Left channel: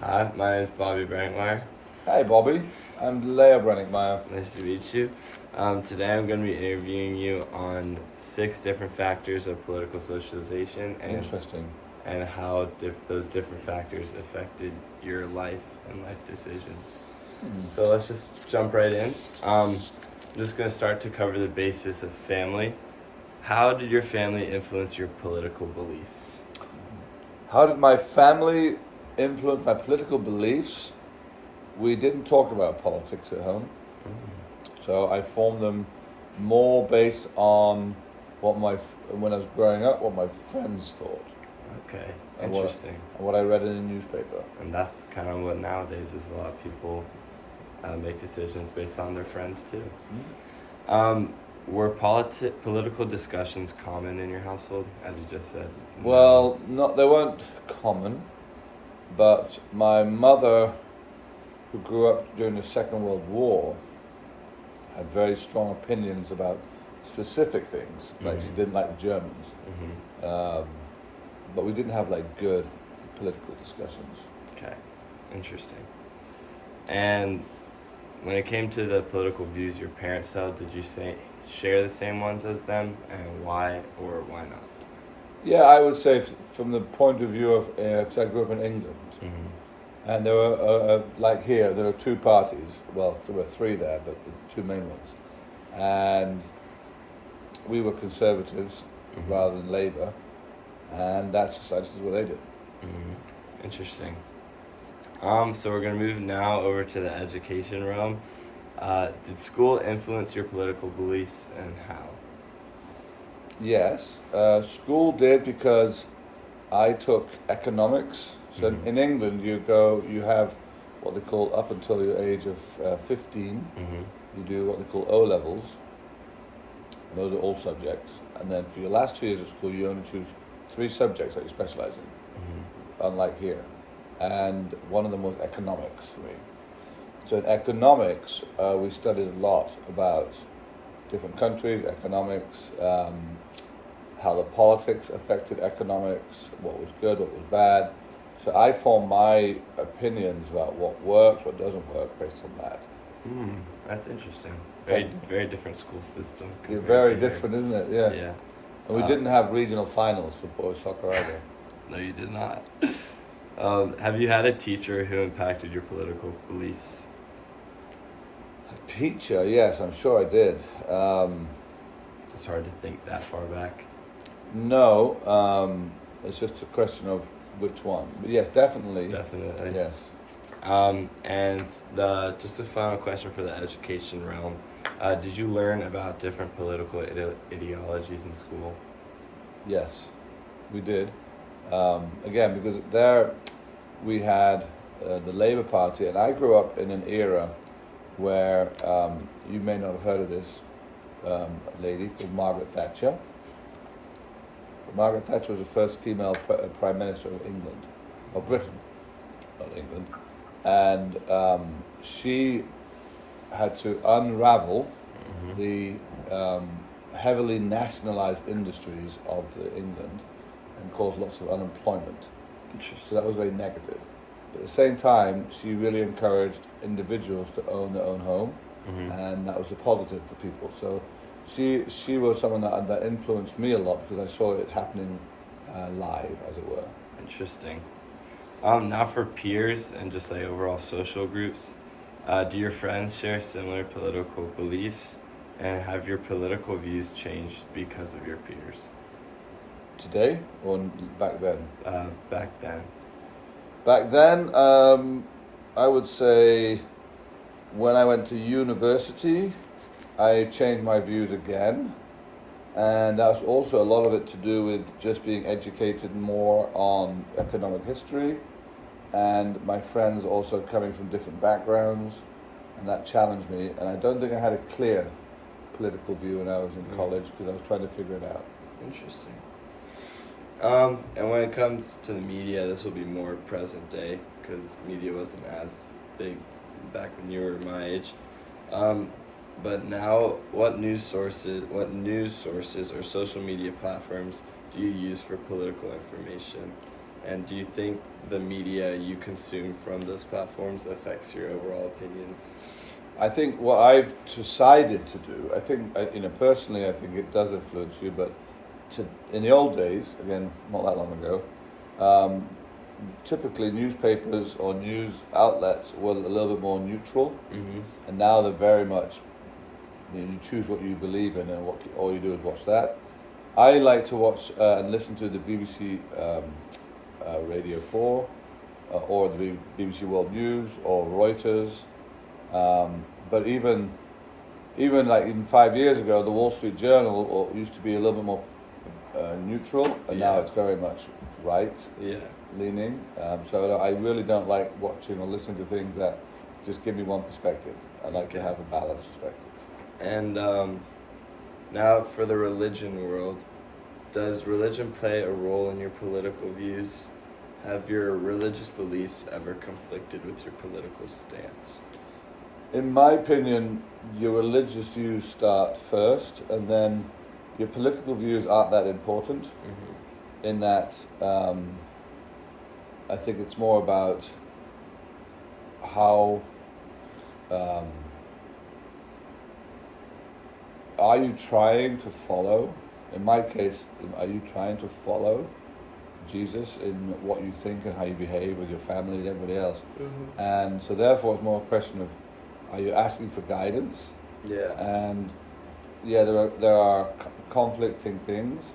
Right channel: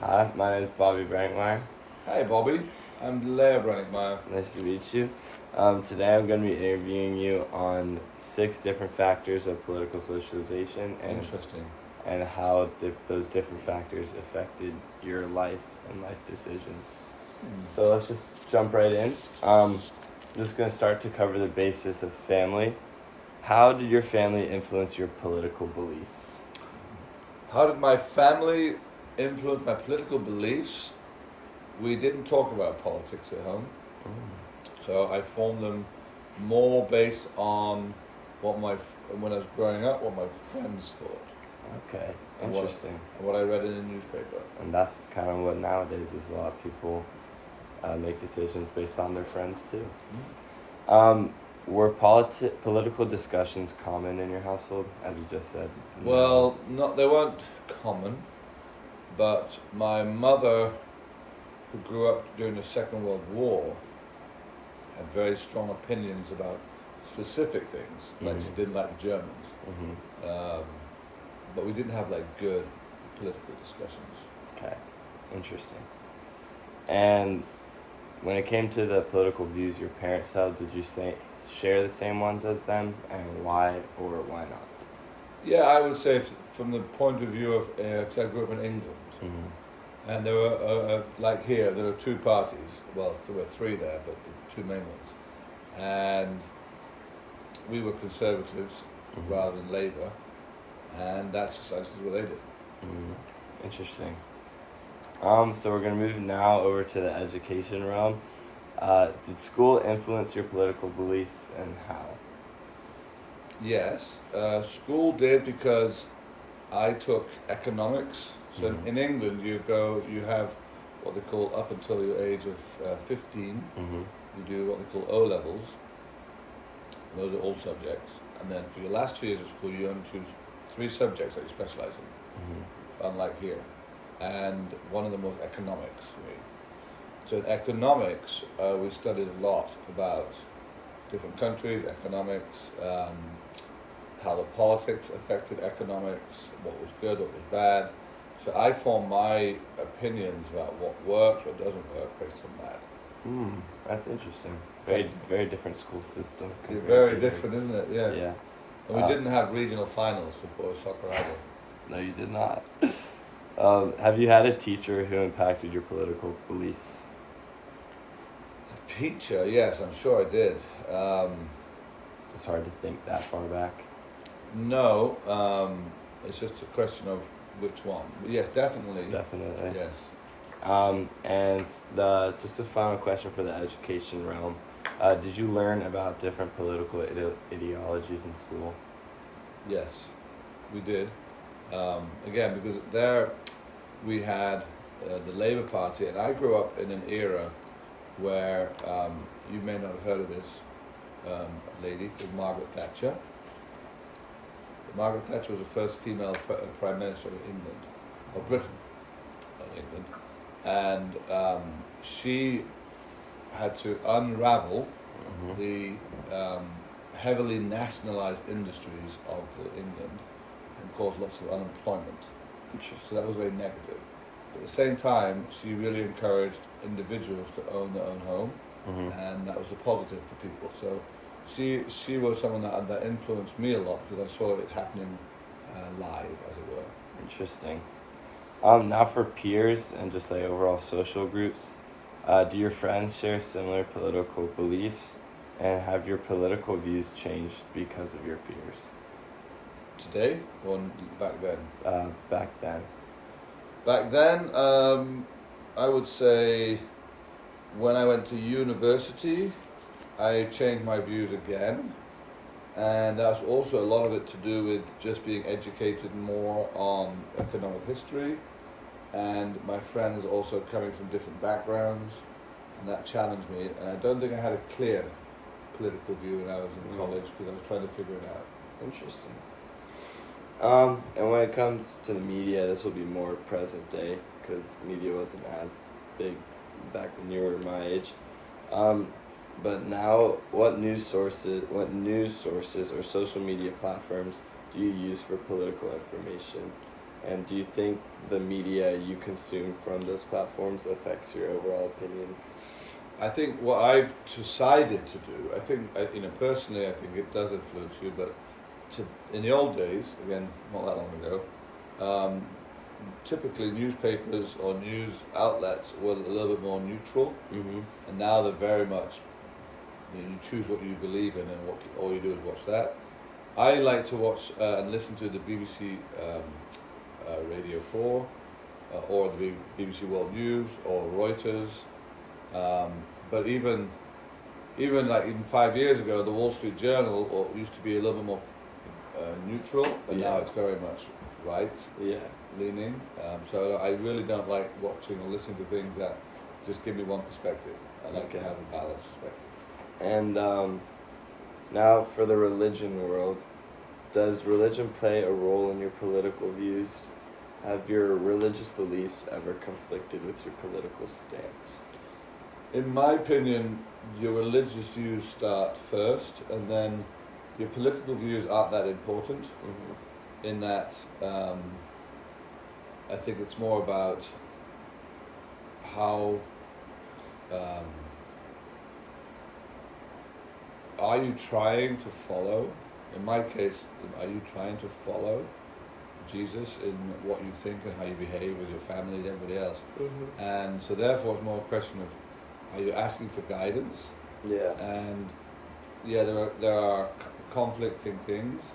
Hi, my name is Bobby Brenninkmeyer. Hi, Bobby. I'm Leah brenninkmeyer. Nice to meet you. Today I'm going to be interviewing you on 6 different factors of political socialization Interesting. and how those different factors affected your life and life decisions. So let's just jump right in. I'm just going to start to cover the basis of family. How did your family influence your political beliefs? How did my family influence my political beliefs? We didn't talk about politics at home, so I formed them more based on when I was growing up, what my friends thought. Okay, And interesting. what I read in the newspaper. And that's kind of what nowadays is a lot of people make decisions based on their friends too. Were political discussions common in your household, as you just said? Well, they weren't common, but my mother, who grew up during the Second World War, had very strong opinions about specific things. Like she didn't like the Germans, but we didn't have like good political discussions. Okay, interesting. And when it came to the political views your parents held, did you share the same ones as them, and why or why not? Yeah, I would say from the point of view of, because I grew up in England, and there were, like here, there were 2 parties. Well, there were 3 there, but the 2 main ones. And we were Conservatives rather than Labour, and that's just what they did. Interesting. So we're going to move now over to the education realm. Did school influence your political beliefs, and how? Yes, school did, because I took economics. So in England, you have what they call, up until your age of 15, you do what they call O-levels. Those are all subjects. And then for your last 2 years of school, you only choose 3 subjects that you specialize in, unlike here. And one of them was economics for me. So in economics, we studied a lot about different countries, economics, how the politics affected economics, what was good, what was bad. So I formed my opinions about what works, what doesn't work based on that. That's interesting. Very different school system. Very different, isn't it? Yeah. Yeah. And we didn't have regional finals for boys soccer either. No, you did not. Have you had a teacher who impacted your political beliefs? A teacher, yes, I'm sure I did. It's hard to think that far back. No, it's just a question of which one. But yes, definitely. Definitely. Yes. And just the final question for the education realm. Did you learn about different political ideologies in school? Yes, we did. Again, because there we had the Labour Party, and I grew up in an era where, you may not have heard of this lady called Margaret Thatcher. Margaret Thatcher was the first female Prime Minister of England, or Britain, not England. And she had to unravel the heavily nationalised industries of England and caused lots of unemployment. So that was very negative. But at the same time, she really encouraged individuals to own their own home, and that was a positive for people. So she was someone that influenced me a lot, because I saw it happening live, as it were. Interesting. Now for peers and just like overall social groups, do your friends share similar political beliefs, and have your political views changed because of your peers? Today or back then? Back then. Back then, I would say when I went to university, I changed my views again. And that's also a lot of it to do with just being educated more on economic history, and my friends also coming from different backgrounds, and that challenged me. And I don't think I had a clear political view when I was in college, because I was trying to figure it out. Interesting. And when it comes to the media, this will be more present day, because media wasn't as big back when you were my age. But now, what news sources or social media platforms do you use for political information? And do you think the media you consume from those platforms affects your overall opinions? I think what I've decided to do, I think, personally, I think it does influence you, but in the old days, again, not that long ago, typically newspapers or news outlets were a little bit more neutral, and now they're very much, you choose what you believe in, and all you do is watch that. I like to watch and listen to the BBC Radio 4 or the BBC World News or Reuters. But even 5 years ago, the Wall Street Journal used to be a little bit more neutral, and now it's very much leaning. So I really don't like watching or listening to things that just give me one perspective. I like to have a balanced perspective. And now for the religion world, does religion play a role in your political views? Have your religious beliefs ever conflicted with your political stance? In my opinion, your religious views start first, and then your political views aren't that important. In that, I think it's more about how are you trying to follow? In my case, are you trying to follow Jesus in what you think and how you behave with your family and everybody else? And so therefore it's more a question of, are you asking for guidance? And there are conflicting things,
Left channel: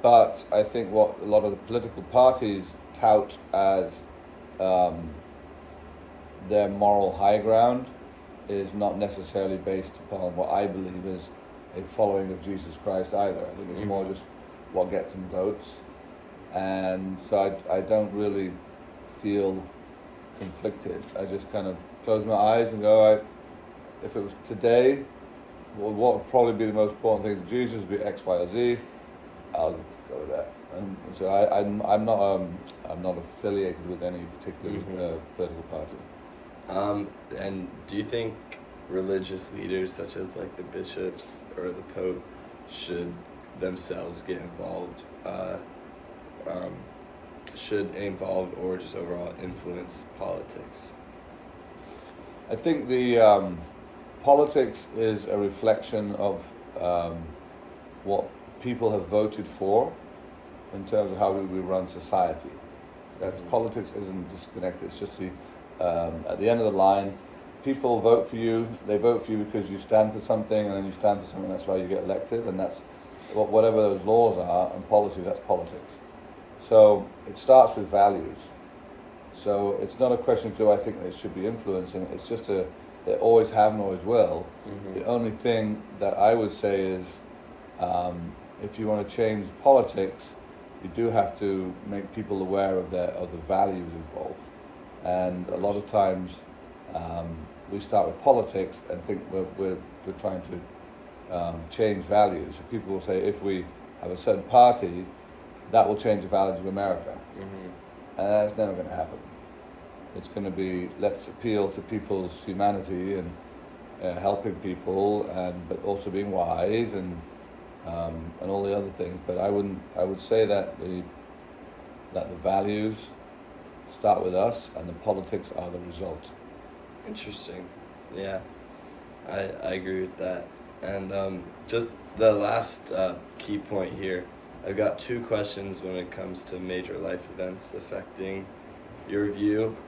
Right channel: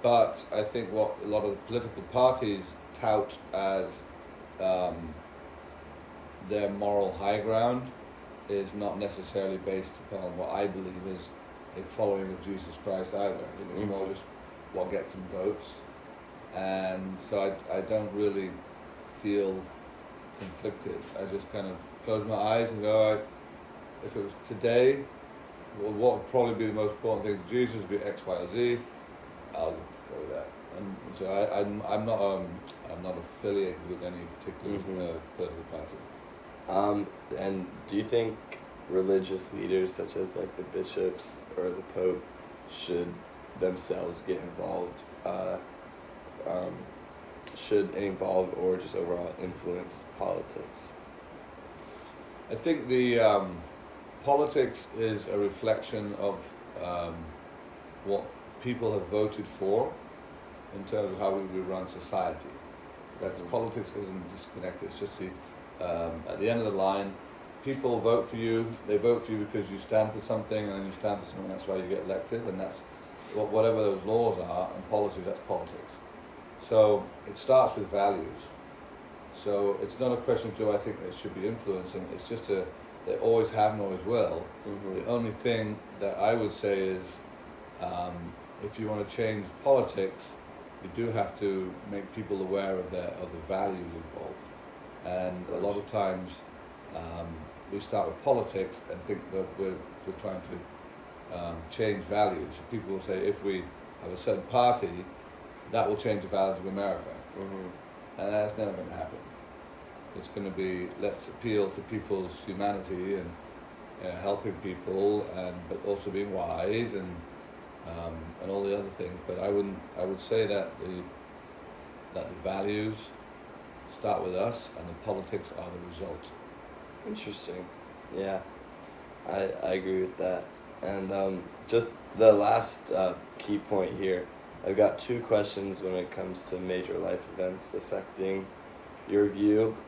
but I think what a lot of the political parties tout as their moral high ground is not necessarily based upon what I believe is a following of Jesus Christ either. I think it's more just what gets them votes. And so I don't really feel conflicted. I just kind of close my eyes and go, if it was today, what would probably be the most important thing to Jesus would be X, Y, or Z. I'll go with that. And so I'm not affiliated with any particular political party. And do you think religious leaders such as like the bishops or the Pope should themselves get involved? Should involve or just overall influence politics? I think the politics is a reflection of what people have voted for in terms of how we run society. That's politics isn't disconnected. It's just at the end of the line, people vote for you. They vote for you because you stand for something, and then you stand for something. That's why you get elected, and that's whatever those laws are and policies. That's politics. So it starts with values. So it's not a question of do I think they should be influencing. It's just they always have and always will. The only thing that I would say is if you want to change politics, you do have to make people aware of the values involved. And a lot of times we start with politics and think we're trying to change values. So people will say if we have a certain party, that will change the values of America. And that's never going to happen. It's going to be, let's appeal to people's humanity and helping people, but also being wise and all the other things. But I would say that the values start with us, and the politics are the result. Interesting. Yeah, I agree with that. And just the last key point here, I've got two questions when it comes to major life events affecting your view.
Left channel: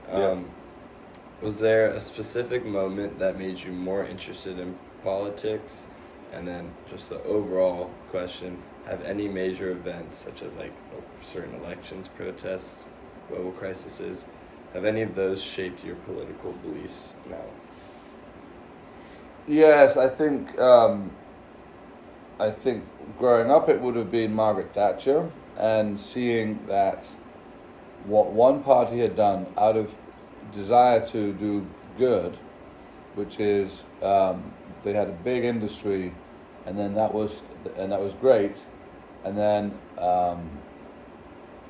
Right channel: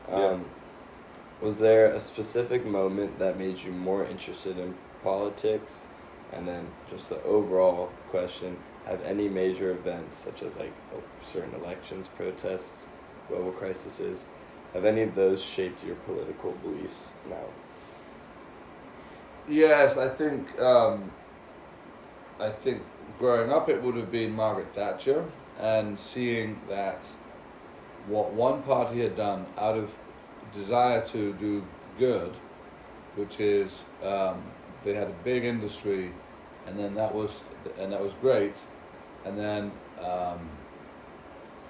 Was there a specific moment that made you more interested in politics? And then just the overall question, have any major events such as like certain elections, protests, global crises, have any of those shaped your political beliefs now? Yes, I think growing up it would have been Margaret Thatcher, and seeing that what one party had done out of desire to do good, which is they had a big industry, and then that was great, and then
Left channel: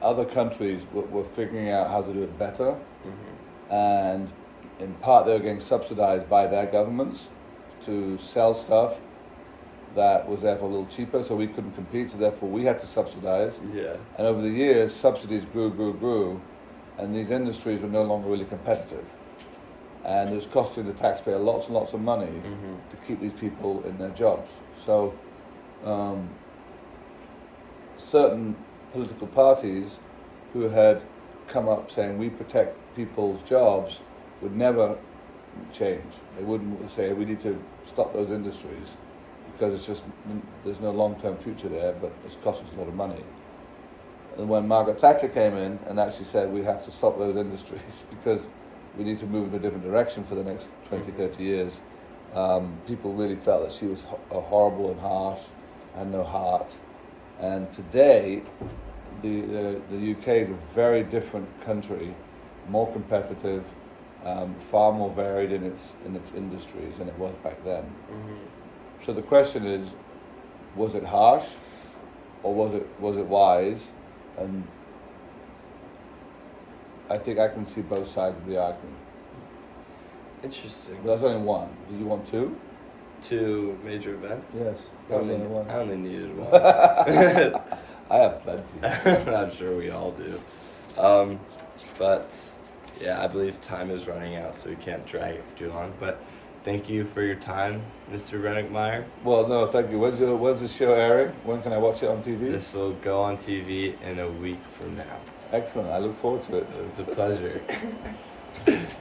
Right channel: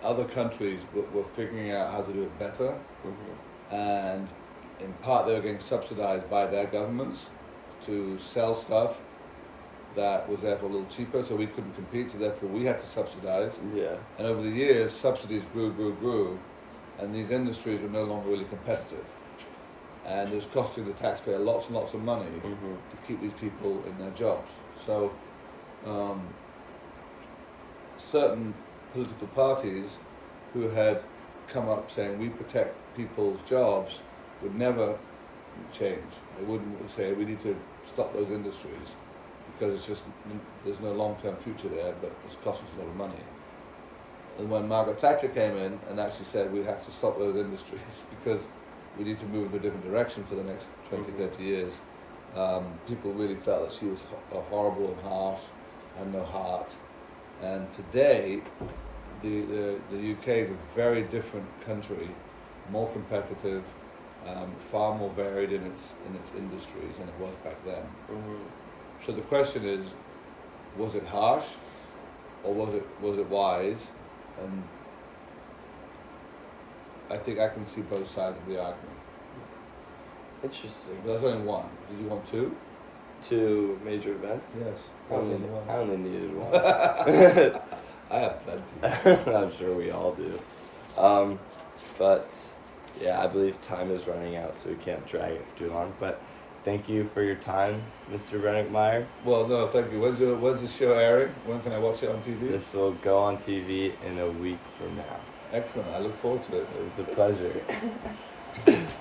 other countries were figuring out how to do it better, and in part they were getting subsidized by their governments to sell stuff that was therefore a little cheaper, so we couldn't compete, so therefore we had to subsidize. Yeah. And over the years, subsidies grew, and these industries were no longer really competitive. And it was costing the taxpayer lots and lots of money to keep these people in their jobs. So certain political parties who had come up saying we protect people's jobs would never change. They wouldn't say we need to stop those industries because it's just there's no long-term future there, but it's costing us a lot of money. And when Margaret Thatcher came in and actually said we have to stop those industries because we need to move in a different direction for the next 20, 30 years, people really felt that she was horrible and harsh and no heart. And today, the UK is a very different country, more competitive, far more varied in its industries than it was back then. So the question is, was it harsh, or was it wise? And I think I can see both sides of the argument. Interesting. But that's only one. Did you want two? 2 major events? Yes. I only needed one. I have plenty. I'm sure we all do. But yeah, I believe time is running out, so we can't drag it for too long. But thank you for your time, Mr. Brenninkmeyer. Well, no, thank you. When's the show airing? When can I watch it on TV? This will go on TV in a week from now. Excellent. I look forward to it. It's a pleasure.